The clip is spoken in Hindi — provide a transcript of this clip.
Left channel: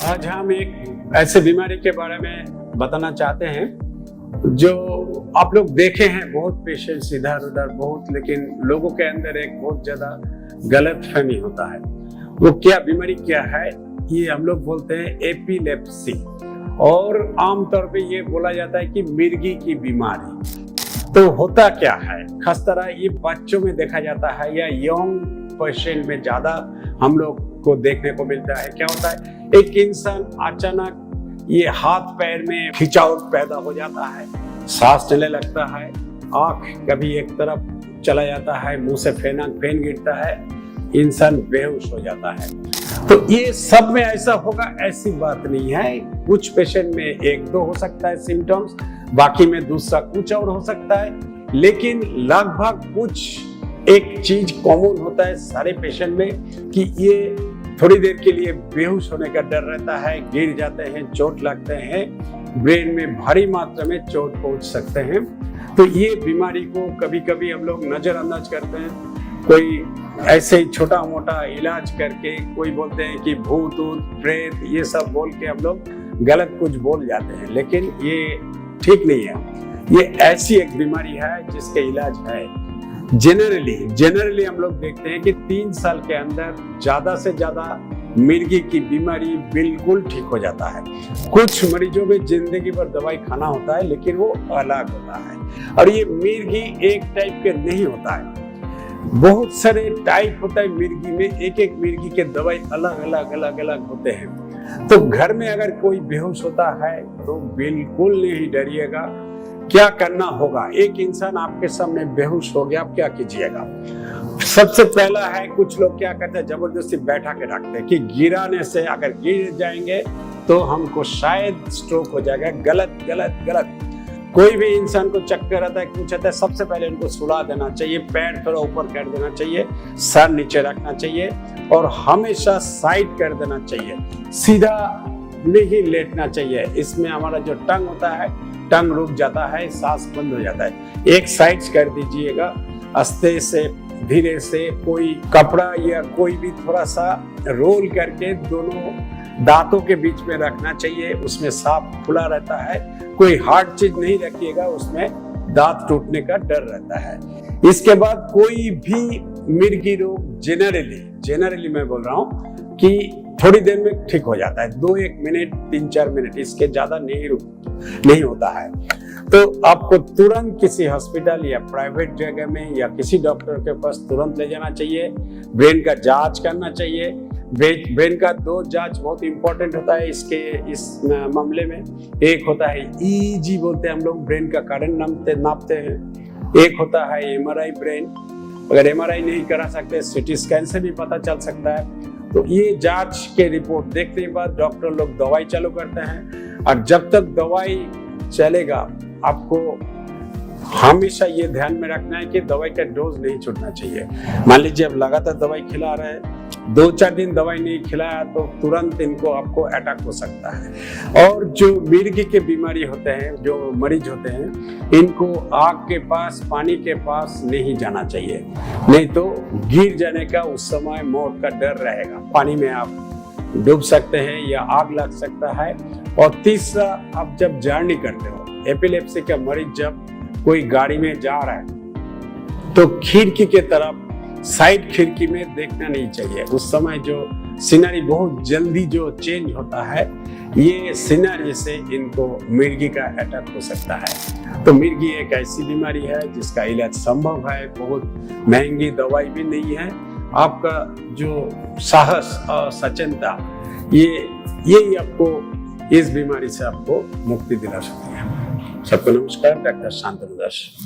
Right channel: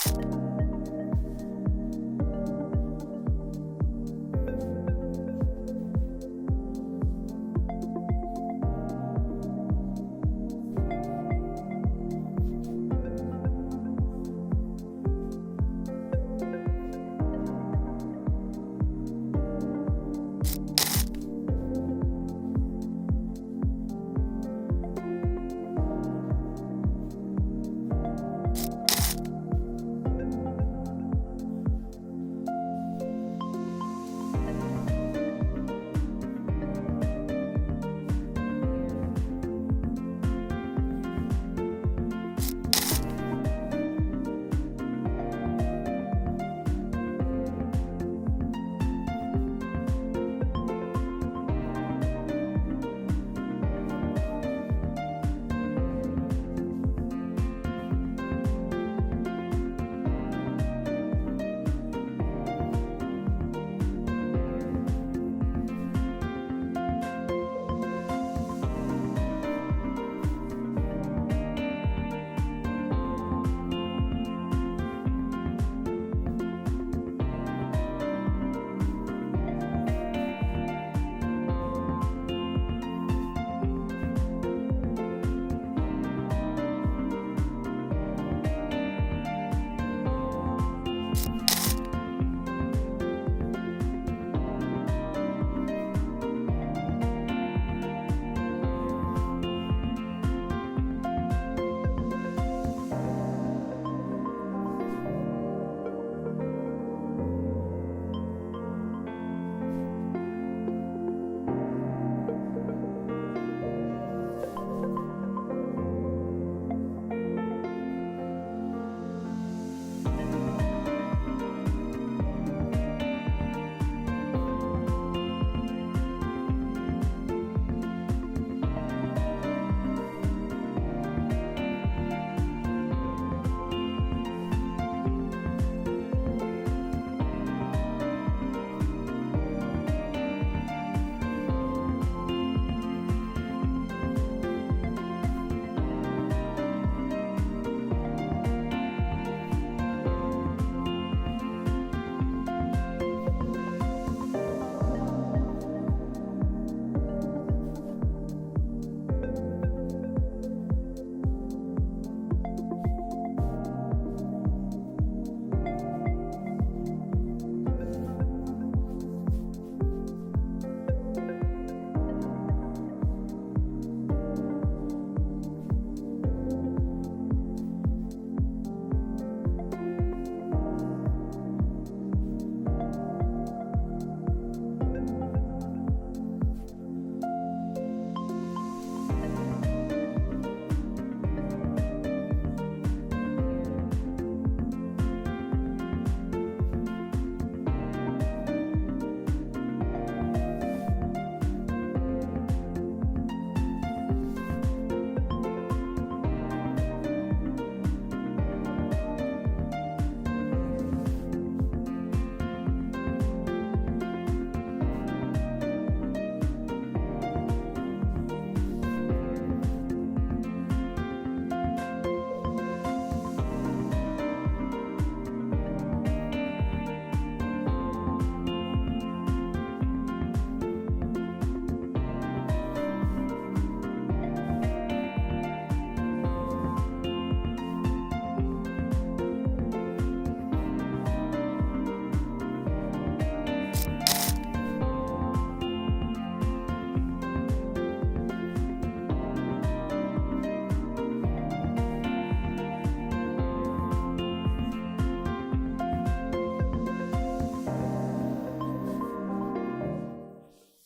आज हम एक ऐसे बीमारी के बारे में बताना चाहते हैं जो आप लोग देखे हैं, बहुत पेशेंट्स इधर उधर बहुत, लेकिन लोगों के अंदर एक बहुत ज्यादा गलतफहमी होता है। वो क्या बीमारी क्या है, ये हम लोग बोलते हैं एपिलेप्सी, और आमतौर पे ये बोला जाता है कि मिर्गी की बीमारी। तो होता क्या है, खास तरह ये बच्चों में देखा जाता है या यंग पेशेंट में ज्यादा हम लोग को देखने को मिलता है। क्या होता है, एक इंसान अचानक ये हाथ पैर में खिंचाव पैदा हो जाता है, सांस चलने लगता है, आंख कभी एक तरफ चला जाता है, मुंह से फेन गिरता है, इंसान बेहोश हो जाता है। तो ये सब में ऐसा होगा ऐसी बात नहीं है। कुछ पेशेंट में एक दो हो सकता है सिम्टम्स, बाकी में दूसरा कुछ और हो सकता है, लेकिन लगभग कुछ एक चीज कॉमन होता है सारे पेशेंट में कि ये थोड़ी देर के लिए बेहोश होने का डर रहता है, गिर जाते हैं, चोट लगते हैं, ब्रेन में भारी मात्रा में चोट पहुंच सकते हैं। तो ये बीमारी को कभी कभी हम लोग नजरअंदाज करते हैं, कोई ऐसे ही छोटा मोटा इलाज करके, कोई बोलते हैं कि भूत प्रेत, ये सब बोल के हम लोग गलत कुछ बोल जाते हैं, लेकिन ये ठीक नहीं है। ये ऐसी एक बीमारी है जिसके इलाज है। जनरली हम लोग देखते हैं कि 3 साल के अंदर ज्यादा से ज्यादा मिर्गी की बीमारी बिल्कुल ठीक हो जाता है। कुछ मरीजों में जिंदगी भर दवाई खाना होता है, लेकिन वो अलग होता है। और ये मिर्गी एक टाइप के नहीं होता है, बहुत सारे टाइप होता है मिर्गी में, एक एक मिर्गी के दवाई अलग अलग होते हैं। तो घर में अगर कोई बेहोश होता है तो बिल्कुल नहीं डरिएगा। क्या करना होगा, एक इंसान आपके सामने बेहोश हो गया, आप क्या कीजिएगा? सबसे पहला है, कुछ लोग क्या करते हैं, जबरदस्ती बैठा के रखते हैं कि गिराने से अगर गिर जाएंगे तो हमको शायद स्ट्रोक हो जाएगा। गलत। कोई भी इंसान को चक्कर आता है, कुछ आता है, सबसे पहले इनको सुला देना चाहिए, पैर थोड़ा ऊपर कर देना चाहिए, सर नीचे रखना चाहिए और हमेशा साइड कर देना चाहिए, सीधा नहीं लेटना चाहिए। इसमें हमारा जो टंग होता है, टंग रुक जाता है, सांस बंद हो जाता है। एक साइड कर दीजिएगा, आस्ते से धीरे से, कोई कपड़ा या कोई भी थोड़ा सा रोल करके दोनों दांतों के बीच में रखना चाहिए, उसमें सांप खुला रहता है। कोई हार्ड चीज नहीं रखिएगा, उसमें दांत टूटने का डर रहता है। इसके बाद कोई भी मिर्गी रोग जनरली मैं बोल रहा हूँ कि थोड़ी देर में ठीक हो जाता है, 2-1 मिनट 3-4 मिनट, इसके ज्यादा नहीं होता है। तो आपको तुरंत किसी हॉस्पिटल या प्राइवेट जगह में या किसी डॉक्टर के पास तुरंत ले जाना चाहिए। ब्रेन का जांच करना चाहिए। ब्रेन का 2 जांच बहुत इंपॉर्टेंट होता है इस मामले में। एक होता है EEG बोलते हैं हम लोग, ब्रेन का करंट नापते हैं। एक होता है MRI ब्रेन, अगर MRI नहीं करा सकते CT स्कैन से भी पता चल सकता है। तो ये जांच के रिपोर्ट देखने के बाद डॉक्टर लोग दवाई चालू करते हैं, और जब तक दवाई चलेगा आपको हमेशा ये ध्यान में रखना है कि दवाई का डोज नहीं छूटना चाहिए। मान लीजिए अब लगातार दवाई खिला रहे हैं, 2-4 दिन दवाई नहीं खिलाया तो तुरंत इनको आपको अटैक हो सकता है। और जो मिर्गी के बीमारी होते हैं, जो मरीज होते हैं, इनको आग के पास, पानी के पास नहीं जाना चाहिए, नहीं तो गिर जाने का उस समय मौत का डर रहेगा। पानी में आप डूब सकते हैं या आग लग सकता है। और तीसरा, आप जब जर्नी करते हो, एपिलेप्सी का मरीज जब कोई गाड़ी में जा रहा है तो खिड़की के तरफ, साइड खिड़की में देखना नहीं चाहिए। उस समय जो सीनरी बहुत जल्दी जो चेंज होता है, ये सीनरी से इनको मिर्गी का अटैक हो सकता है। तो मिर्गी एक ऐसी बीमारी है जिसका इलाज संभव है, बहुत महंगी दवाई भी नहीं है। आपका जो साहस और सचेतनता, ये आपको इस बीमारी से आपको मुक्ति दिला सकती है। सबको नमस्कार, डॉक्टर शांतनु दास।